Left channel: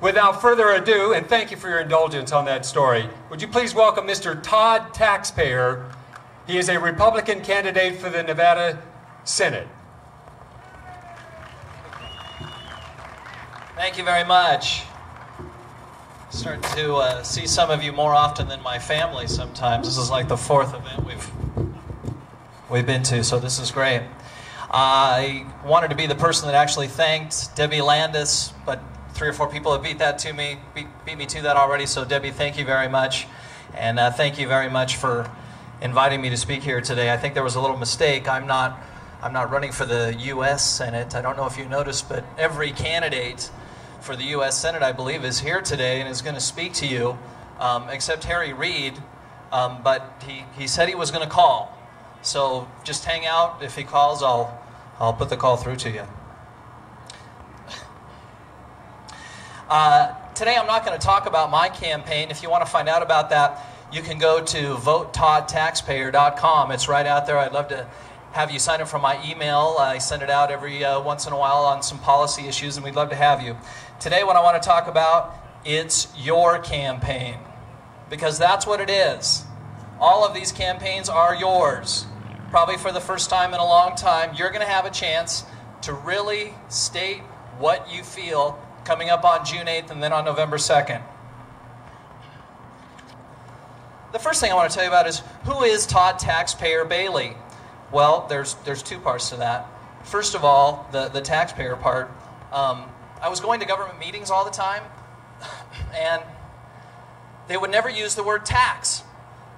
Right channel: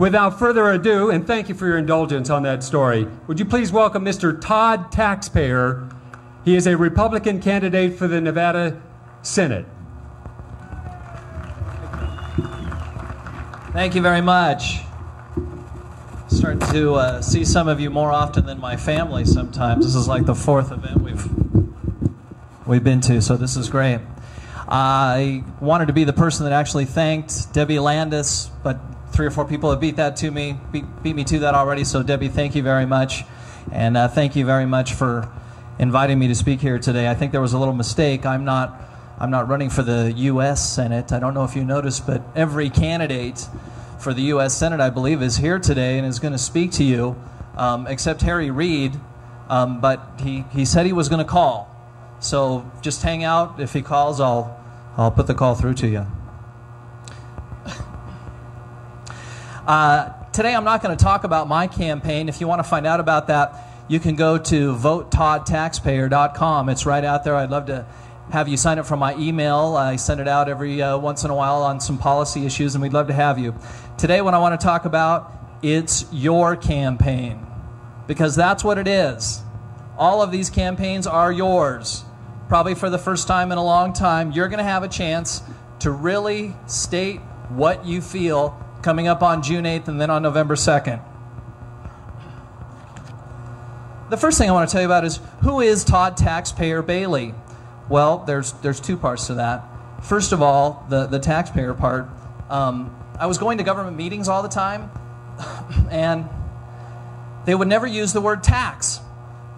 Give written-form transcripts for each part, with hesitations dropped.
Without further ado, and thank you for your indulgence on that story, would you please welcome Mr. Todd Taxpayer. He is a Republican candidate for the Nevada Senate. Thank you very much. Starting to see some of you more often than my family sometimes. This is like the fourth event we've been to, so this is great. I wanted to be the person that actually thanked Debbie Landis, but 3 or 4 people have beat me to that already. So Debbie, thank you very much, and thank you very much for inviting me to speak here today. I think there was a little mistake. I'm not running for the U.S. Senate. I don't know if you noticed, but every candidate for the U.S. Senate, I believe, is here today and is going to speak to you, except Harry Reid, but he said he was going to call. So just hang out. If he calls, I'll put the call through to you. Today I'm not going to talk about my campaign. If you want to find out about that, you can go to VoteToddTaxpayer.com. It's right out there. I'd love to have you sign up for my email. I send it out every once in a while on some policy issues, and we'd love to have you. Today what I want to talk about, it's your campaign, because that's what it is. All of these campaigns are yours. Probably for the first time in a long time, you're going to have a chance to really state what you feel coming up on June 8th and then on November 2nd. The first thing I want to tell you about is, who is Todd Taxpayer Bailey? Well, there's 2 parts to that. First of all, the taxpayer part. I was going to government meetings all the time, and they would never use the word tax.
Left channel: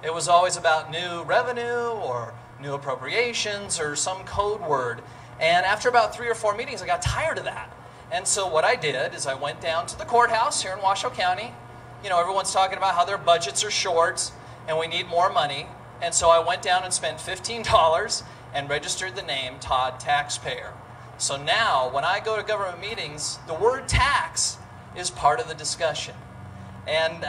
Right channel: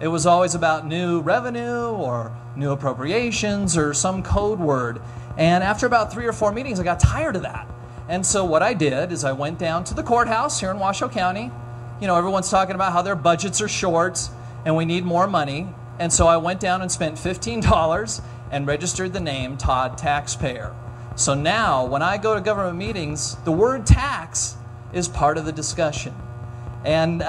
It was always about new revenue or new appropriations or some code word. And after about 3 or 4 meetings, I got tired of that. And so what I did is I went down to the courthouse here in Washoe County. You know, everyone's talking about how their budgets are short and we need more money. And so I went down and spent $15 and registered the name Todd Taxpayer. So now when I go to government meetings, the word tax is part of the discussion. And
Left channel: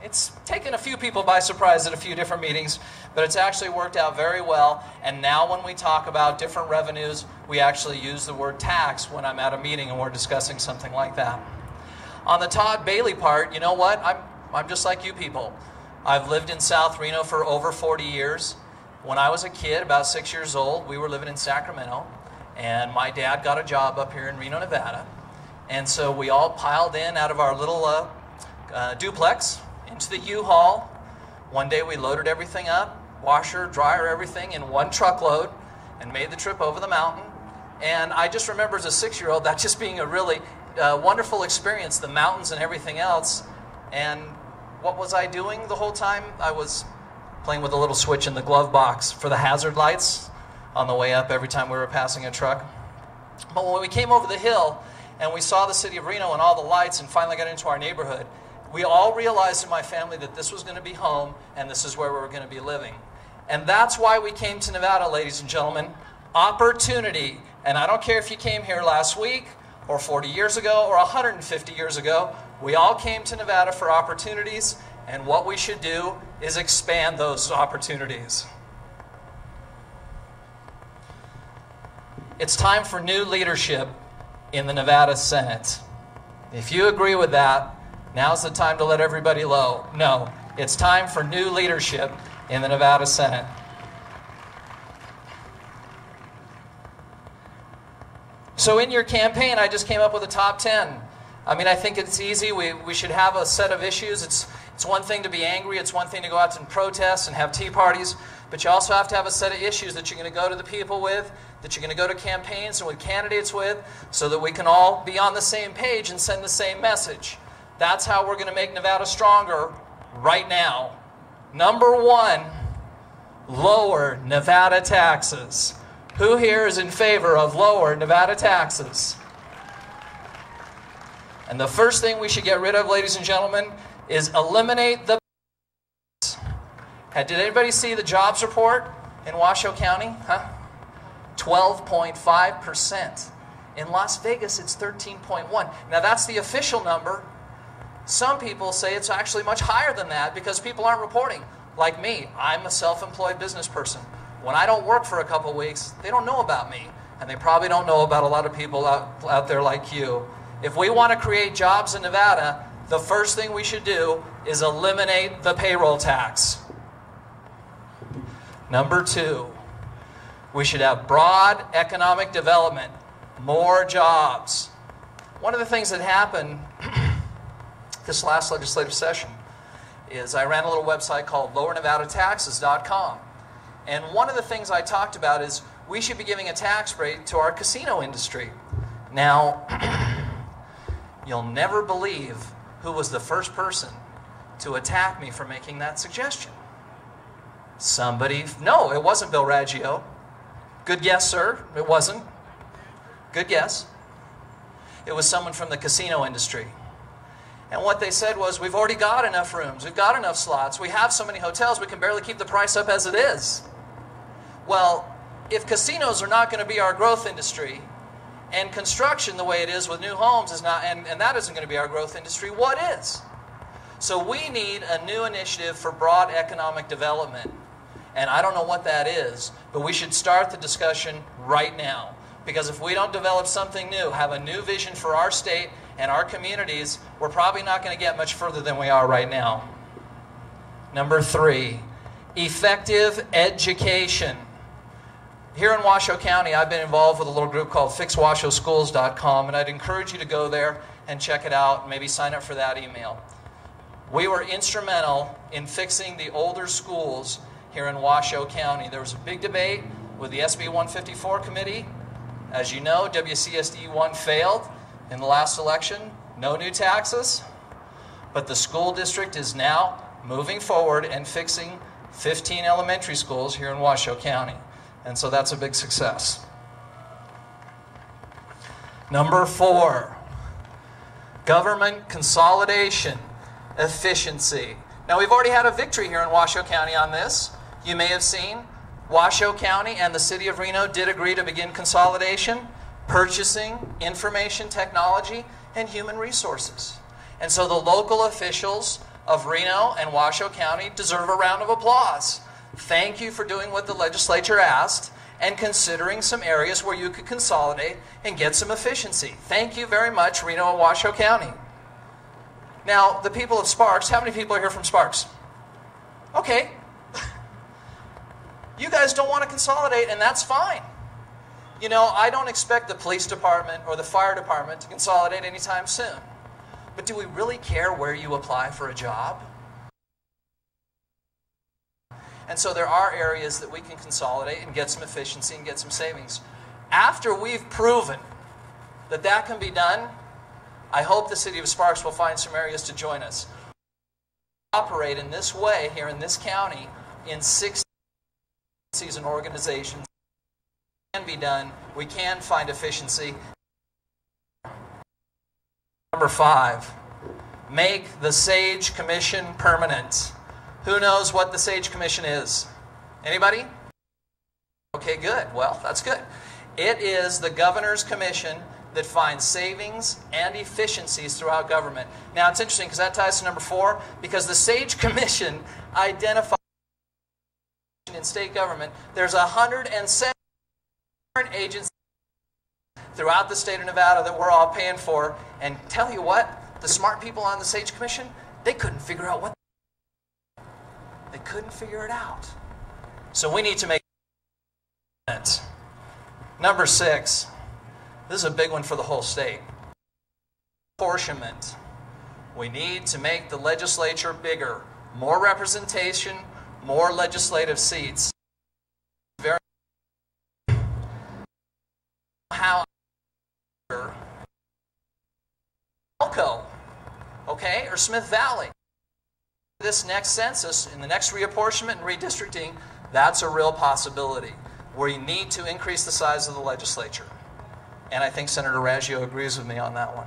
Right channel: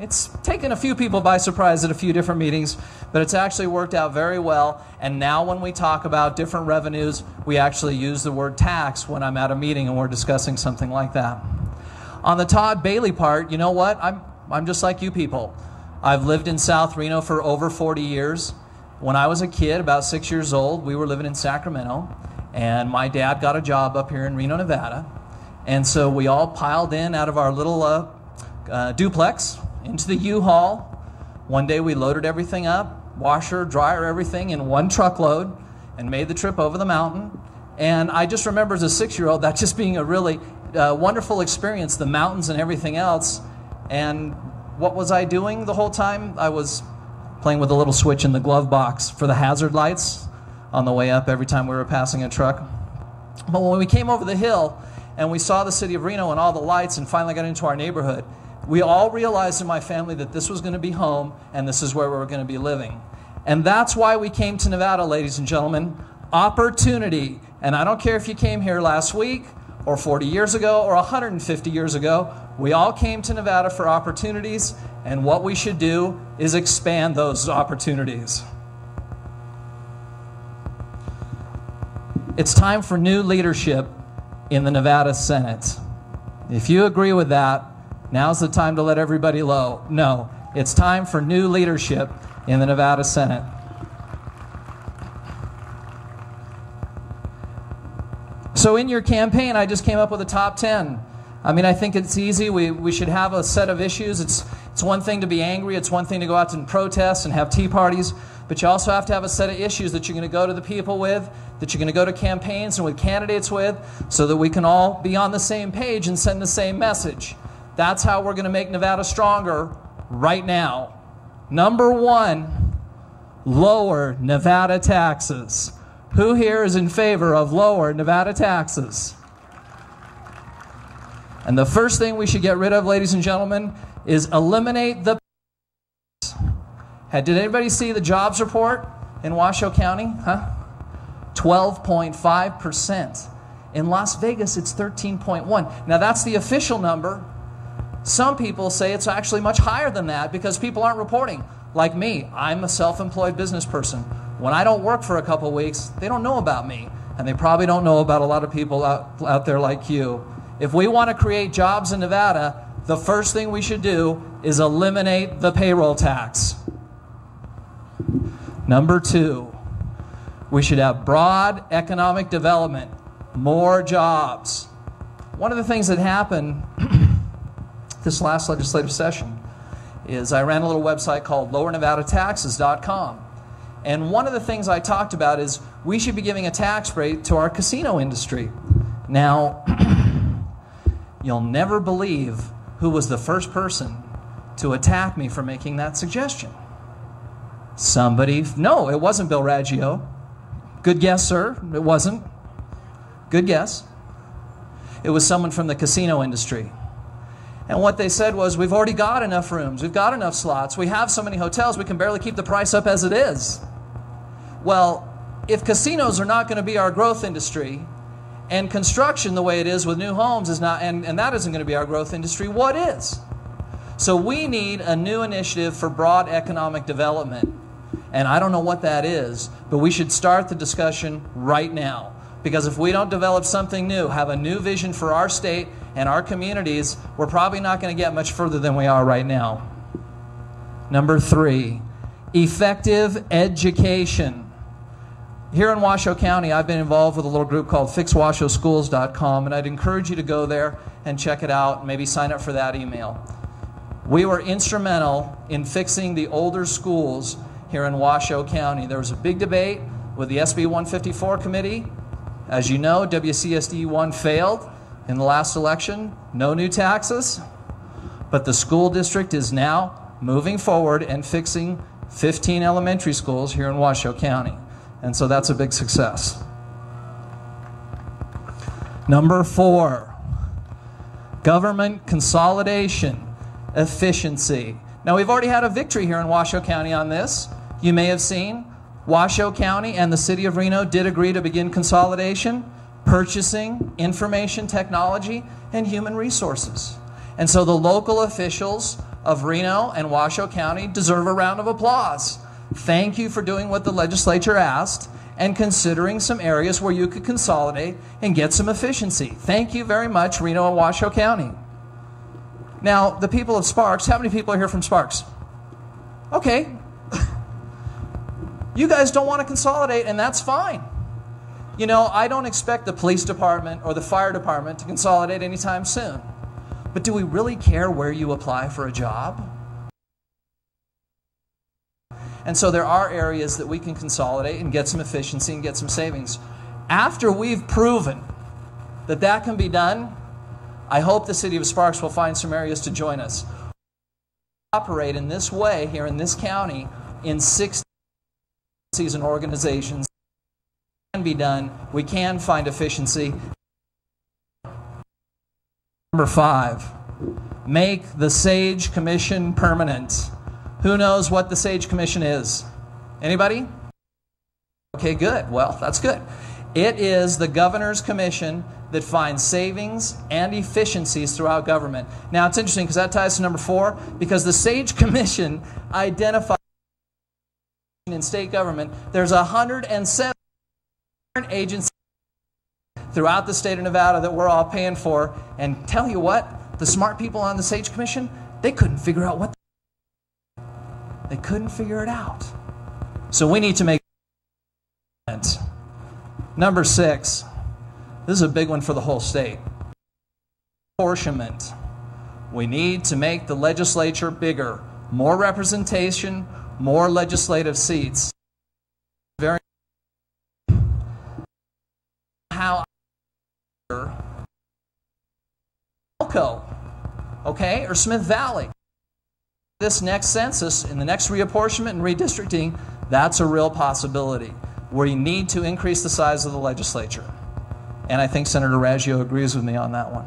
it's taken a few people by surprise at a few different meetings, but it's actually worked out very well. And now when we talk about different revenues, we actually use the word tax when I'm at a meeting and we're discussing something like that. On the Todd Bailey part, you know what? I'm just like you people. I've lived in South Reno for over 40 years. When I was a kid, about 6 years old, we were living in Sacramento, and my dad got a job up here in Reno, Nevada. And so we all piled in out of our little duplex into the U-Haul. One day we loaded everything up, washer, dryer, everything in one truckload, and made the trip over the mountain. And I just remember as a 6-year-old that just being a really wonderful experience, the mountains and everything else. And what was I doing the whole time? I was playing with a little switch in the glove box for the hazard lights on the way up every time we were passing a truck. But when we came over the hill and we saw the city of Reno and all the lights and finally got into our neighborhood, we all realized in my family that this was going to be home and this is where we were going to be living. And that's why we came to Nevada, ladies and gentlemen. Opportunity. And I don't care if you came here last week or 40 years ago or 150 years ago, we all came to Nevada for opportunities, and what we should do is expand those opportunities. It's time for new leadership in the Nevada Senate. If you agree with that, now's the time to let everybody know. It's time for new leadership in the Nevada Senate. So in your campaign, I just came up with a top 10. I mean, I think it's easy. We should have a set of issues. It's one thing to be angry. It's one thing to go out and protest and have tea parties. But you also have to have a set of issues that you're going to go to the people with, that you're going to go to campaigns and with candidates with, so that we can all be on the same page and send the same message. That's how we're going to make Nevada stronger right now. Number 1, lower Nevada taxes. Who here is in favor of lower Nevada taxes? And the first thing we should get rid of, ladies and gentlemen, is eliminate the... Did anybody see the jobs report in Washoe County? 12.5%. In Las Vegas, it's 13.1. Now, that's the official number. Some people say it's actually much higher than that because people aren't reporting. Like me, I'm a self-employed business person. When I don't work for a couple weeks, they don't know about me. And they probably don't know about a lot of people out there like you. If we want to create jobs in Nevada, the first thing we should do is eliminate the payroll tax. Number 2, we should have broad economic development, more jobs. One of the things that happened this last legislative session is I ran a little website called lowernevadataxes.com. And one of the things I talked about is we should be giving a tax break to our casino industry. Now, you'll never believe who was the first person to attack me for making that suggestion. No, it wasn't Bill Raggio. Good guess, sir. It wasn't. Good guess. It was someone from the casino industry. And what they said was, we've already got enough rooms, we've got enough slots, we have so many hotels, we can barely keep the price up as it is. Well, if casinos are not going to be our growth industry, and construction the way it is with new homes is not, and that isn't going to be our growth industry, what is? So we need a new initiative for broad economic development. And I don't know what that is, but we should start the discussion right now. Because if we don't develop something new, have a new vision for our state and our communities, we're probably not going to get much further than we are right now. Number 3, effective education. Here in Washoe County, I've been involved with a little group called FixWashowSchools.com, and I'd encourage you to go there and check it out and maybe sign up for that email. We were instrumental in fixing the older schools here in Washoe County. There was a big debate with the SB 154 committee. As you know, WCSD 1 failed in the last election. No new taxes. But the school district is now moving forward and fixing 15 elementary schools here in Washoe County. And so that's a big success. Number 4, government consolidation, efficiency. Now, we've already had a victory here in Washoe County on this. You may have seen Washoe County and the city of Reno did agree to begin consolidation, purchasing, information technology, and human resources. And so the local officials of Reno and Washoe County deserve a round of applause. Thank you for doing what the legislature asked and considering some areas where you could consolidate and get some efficiency. Thank you very much, Reno and Washoe County. Now, the people of Sparks, how many people are here from Sparks? Okay. You guys don't want to consolidate, and that's fine. You know, I don't expect the police department or the fire department to consolidate anytime soon. But do we really care where you apply for a job? And so there are areas that we can consolidate and get some efficiency and get some savings. After we've proven that that can be done, I hope the city of Sparks will find some areas to join us. We operate in this way here in this county in 6 and organizations. It can be done. We can find efficiency. Number 5, make the SAGE Commission permanent. Who knows what the SAGE Commission is? Anybody? Okay, good. Well, that's good. It is the Governor's Commission that finds savings and efficiencies throughout government. Now, it's interesting because that ties to number 4, because the SAGE Commission identifies in state government, there's 107 agencies throughout the state of Nevada that we're all paying for, and tell you what, the smart people on the SAGE Commission, they couldn't figure out what they couldn't figure it out. So we need to make it. Number 6, this is a big one for the whole state. Apportionment. We need to make the legislature bigger. More representation, more legislative seats. Very how Elko, okay, or Smith Valley. This next census, in the next reapportionment and redistricting, that's a real possibility where you need to increase the size of the legislature. And I think Senator Raggio agrees with me on that one.